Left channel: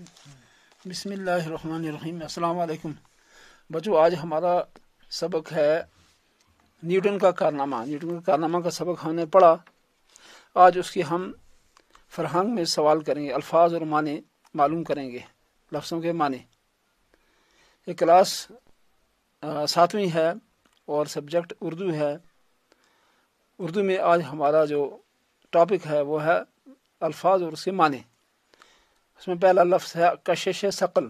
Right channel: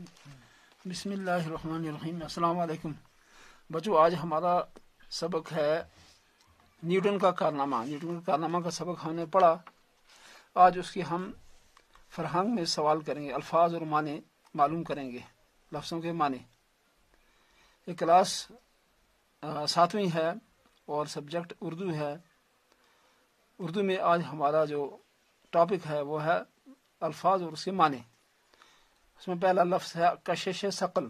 بسم اللہ الرحمن الرحیم۔ السلام علیکم بچوں، آج ہمارا سبق ہے نیوٹن کا کارنامہ۔ نیوٹن کا کارنامہ کا سبق ہم نے پڑھا۔ آج اس کی ہم فرہنگ میں سوال کریں گے، الفاظ اور معنی معلوم کریں گے، لفظوں کے معنی۔ یہ کلاس 7ویں ہے اور سبجیکٹ اردو ہے۔ اردو میں آج ہمارا جو ٹاپک ہے وہ ہے الفاظ اور اس کے معنی۔ اس میں پہلا لفظ ہے کشش ثقل۔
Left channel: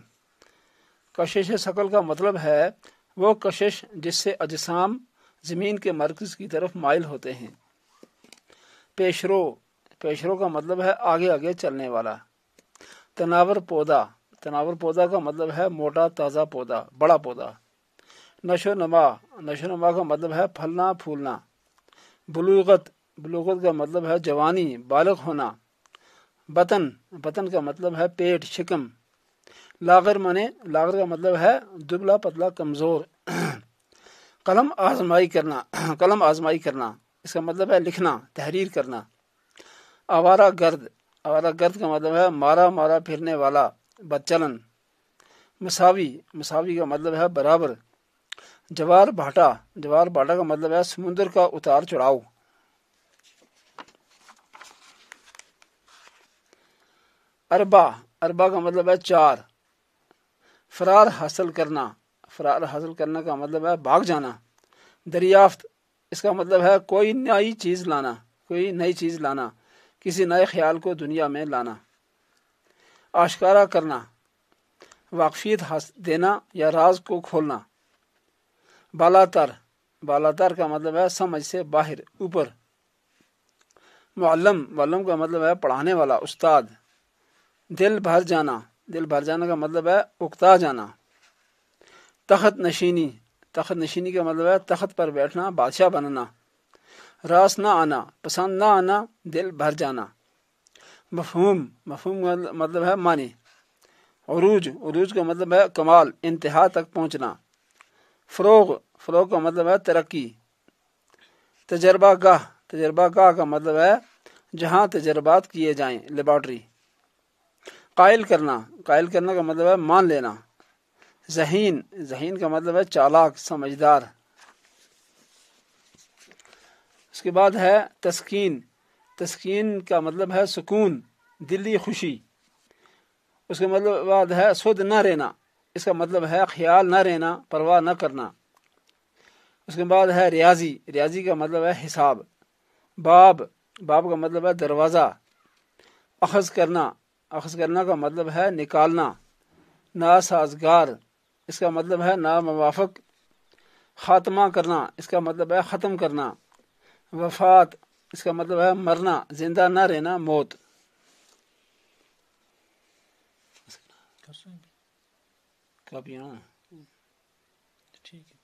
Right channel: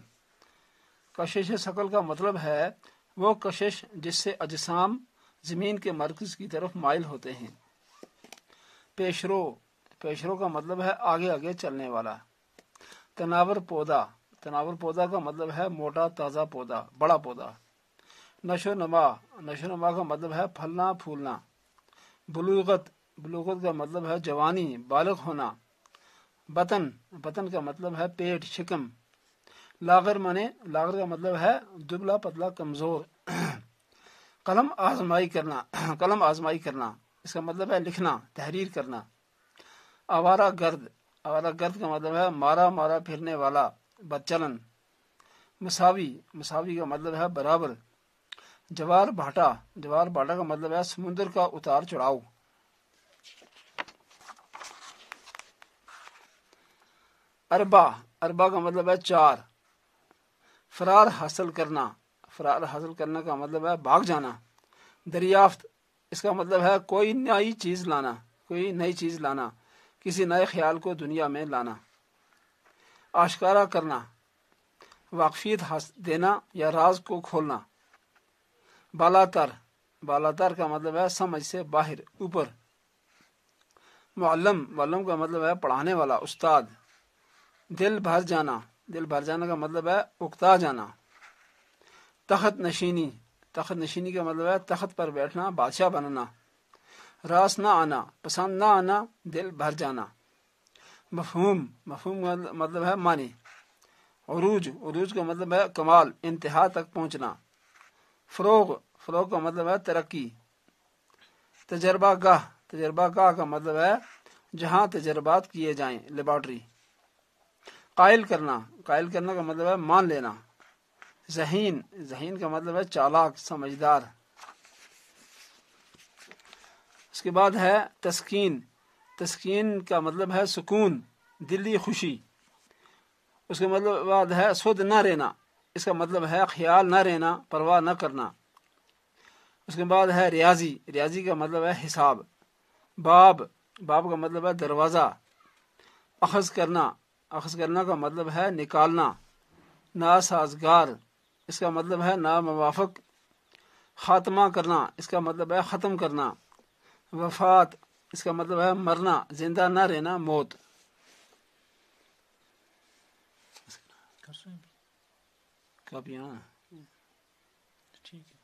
کشش ثقل کا مطلب ہے وہ کشش جس سے اجسام زمین کے مرکز کی طرف مائل ہوتے ہیں۔ پیشرو، پیشرو کا مطلب ہے آگے آگے چلنے والا۔ تناور پودا، تناور پودا کا مطلب ہے موٹا تازہ پودا، بڑا پودا۔ نشو نما، نشو نما کا مطلب ہے پھلنا پھولنا۔ بلوغت، بلوغت کا مطلب ہے جوانی، بالغ ہونا۔ بطن، بطن کا مطلب ہے پیٹ، شکم۔ لاغر منے، لاغر کا مطلب ہے دبلا پتلا کمزور۔ قلم آزمائی کرنا، قلم آزمائی کرنا، اس کا مطلب ہے لکھنا، تحریر کرنا۔ آوارہ گرد، آوارہ گرد کا مطلب ہے مارا مارا پھرنے والا، بدچلن۔ مساوی، مساوی کا مطلب ہے برابر۔ جوار بھاٹا، جوار بھاٹا کا مطلب ہے سمندر کا اتار چڑھاؤ۔ اربا، اربا کا مطلب ہے چار۔ فرار حاصل کرنا، فرار حاصل کرنا کا مطلب ہے بھاگ جانا۔ دریافت، اس کا مطلب ہے کوئی نئی چیز لانا، کوئی نئی چیز لانا، کسی نئے خیال کو دنیا میں لانا۔ آشکارا کرنا، واقفیت دینا یا راز کو کھولنا۔ بالاتر، بالاتر کا مطلب ہے سمجھ سے باہر، اوپر۔ معلم، معلم کا مطلب ہے پڑھانے والا، استاد۔ دل بھر جانا، دل بھر جانا کا مطلب ہے اکتا جانا۔ تخت نشینی، تخت نشینی کا مطلب ہے تخت پر بیٹھنا، بادشاہ بننا۔ راس نہ آنا، پسند نہ آنا، دل بھر جانا۔ مفہوم، مفہوم کا مطلب ہے معنی۔ عروج، عروج کا مطلب ہے کمال، انتہا تک پہنچنا۔ فروغ، فروغ کا مطلب ہے ترقی۔ تجربہ گاہ، تجربہ گاہ کا مطلب ہے جہاں تجربات کیے جائیں، لیبارٹری۔ قائل کرنا، قائل کرنا کا مطلب ہے مان لینا۔ ذہین، ذہین کا مطلب ہے چالاک، سمجھدار۔ اس کے بعد ہے تسکین، تسکین کا مطلب ہے سکون، دلی خوشی۔ اس کے مطلب بعد ہے سود نہ رہنا، اس کا مطلب ہے خیال نہ رہنا، پرواہ نہ کرنا۔ اس کے بعد ہے ریاضی، ریاضی کا مطلب ہے حساب۔ باب، باب کا مطلب ہے دروازہ۔ اخذ کرنا، اخذ کرنا کا مطلب ہے نکالنا۔ ناسازگار، اس کا مطلب ہے ناموافق۔ خاتمہ کرنا، اس کا مطلب ہے ختم کرنا۔ وفات، اس کا مطلب ہے مرنا، زندہ نہ رہنا، موت۔ کب یہاں ٹھیک ہے۔